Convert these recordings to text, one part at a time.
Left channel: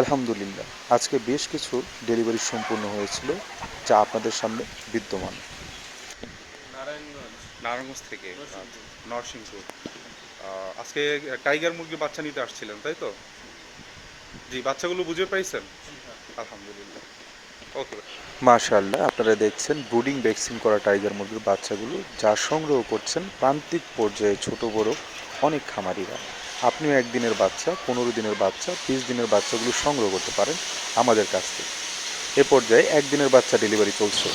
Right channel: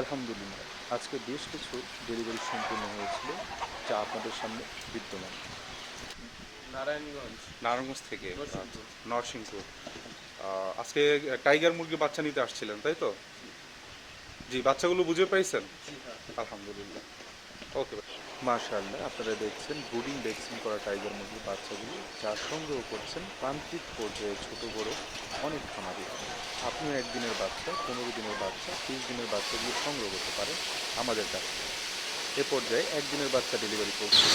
আলহামদুলিল্লাহ। আজকে বেশ কিছু ডেলিভারি সম্পূর্ণ হয়েছিল যা আপনাদের সামনে বিদ্যমান। নারায়ণগঞ্জ। নারায়ণগঞ্জ থেকে নরসিংপুর। নরসিংপুর। আজকে টাইগার মুরগি বাচ্চা নিতে আসছিলেন তাই তো? জি বাচ্চাগুলো বুঝে পাইছেন? আলহামদুলিল্লাহ। ওকে মাশাআল্লাহ আপনারা দেখছেন ব্রুডিং ভ্যাকসিন করা টাইগার মুরগির বাচ্চাগুলো যা সংগ্রহ করছেন প্রান্তিক পর্যায়ে ছোট বড় অনেক খামারিরা। আপনিও একদিনের বাচ্চা পনেরো দিনের বাচ্চা তিরিশ দিনের বাচ্চাগুলো সংগ্রহ করতে পারেন আমাদের কাছ থেকে। এ পর্যায়ে একদিনের বাচ্চা ডেলিভারি চলছে।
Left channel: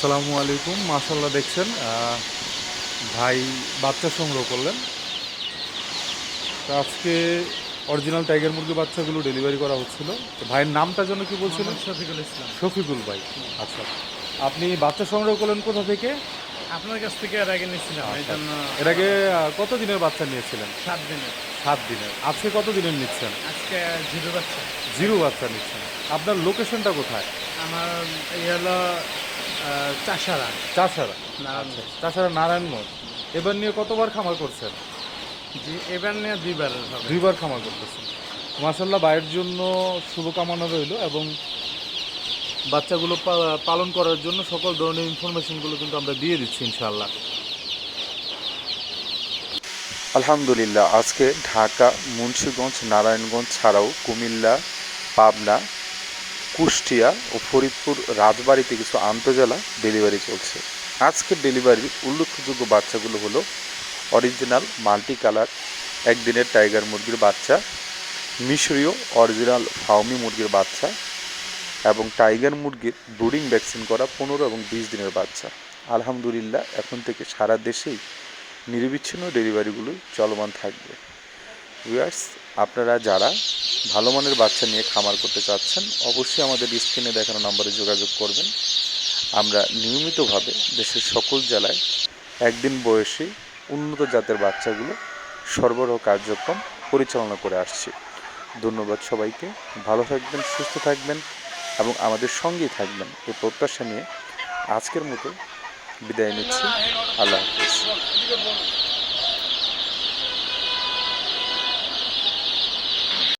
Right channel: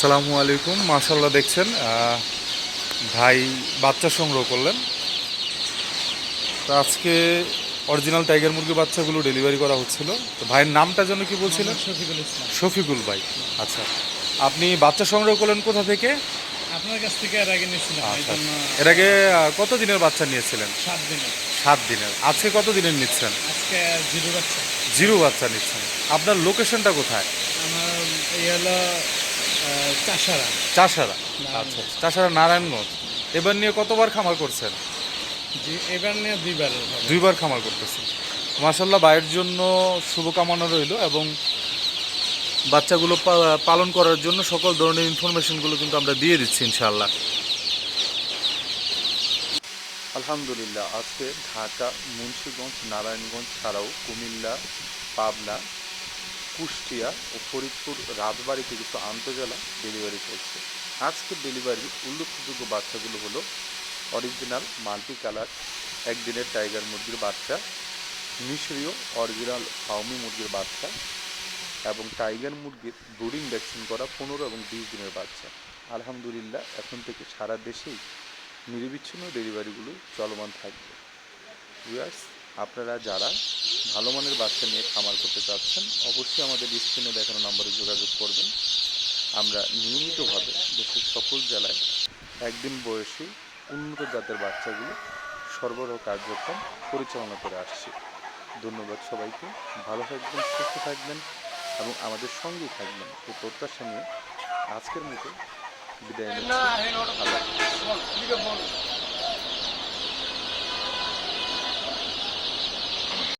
সালামু আলাইকুম মাশাল্লাহ দেখছেন ভাই বাচ্চা সংগ্রহ করলেন। তো আজকে অরিজিনাল টাইগার মুরগি বাচ্চাগুলো ডেলিভারি করা হচ্ছিল। তো ভাইয়ের নামটা যেন কি বলছিলেন? শফিকুল ইসলাম। শফিকুল ভাই। আচ্ছা আপনি বাচ্চা সংগ্রহ করলেন কোথা থেকে? আপনার কাছ থেকে এর আগে নিয়েছিলাম এই আচ্ছা, জন্য এর আগে কত দিনের বাচ্চা নিয়েছিলেন? সাত দিনে সাত দিনের। আজকে কত দিনের নিচ্ছেন? আজকে জিরো বাচ্চা। জিরো বাচ্চা নিচ্ছেন। আপনার লোকেশনটা কোথায়? আমার এই হলো চাষারা। চাষারা। নারায়ণগঞ্জ। আচ্ছা চাষারা নারায়ণগঞ্জ। এবার নিয়ে কতবার খামার করছেন? জি এবার নিয়ে দুইবার দুইবার খামার করতেছেন। মাসাল্লাহ ভাইয়ের জন্য শুভকামনা রইল এবং বাচ্চাগুলো পালন করার জন্য সকল ধরনের ইনফরমেশনগুলো কিন্তু আমরা দিয়ে দিচ্ছি, ইনশাআল্লাহ। আলহামদুলিল্লাহ, আজকে ঢাকা, মুন্সিগঞ্জ, নারায়ণগঞ্জ ছাড়াও কুমিল্লা, পাবনা, কুষ্টিয়া ও ফরিদপুর রাজবাড়িতে কিছু আন্তজেলা ডেলিভারি চলছে। আজকের ডেলিভারির উল্লেখযোগ্য বাচ্চাগুলো হলো অরিজিনাল মাল্টি কালার, একদিনের টাইগার মুরগির বাচ্চা, মিশরীয় অরিজিনাল ফাউমি মুরগির বাচ্চা এবং টাইগার মুরগির ব্রুডিং ভ্যাকসিন করা পনেরো এবং বিশ দিনের বাচ্চা। আলহামদুলিল্লাহ, এখন থেকে সারা দেশেই নিরবিচ্ছিন্ন ডেলিভারিগুলো চলমান থাকবে। ভিউয়ার্স, আপনারা যারা ভালো মানের বাচ্চা নিয়ে খামার করতে চাচ্ছেন, অবশ্যই আমাদের স্ক্রিনে দেখানো নম্বরে যোগাযোগ করবেন। আমরা নিয়মিতভাবে দেশের সকল জেলায় একদিন বয়সী উন্নত জাতের বাচ্চাগুলো সরবরাহ কার্যক্রম পরিচালনা করে আসছি। ধন্যবাদ সবাইকে। ভালো থাকবেন, সুস্থ থাকবেন। এবং আমাদের সঙ্গেই থাকবেন এই প্রত্যাশা নিয়ে আজকের মতো বিদায় নিচ্ছি। আল্লাহ হাফিজ।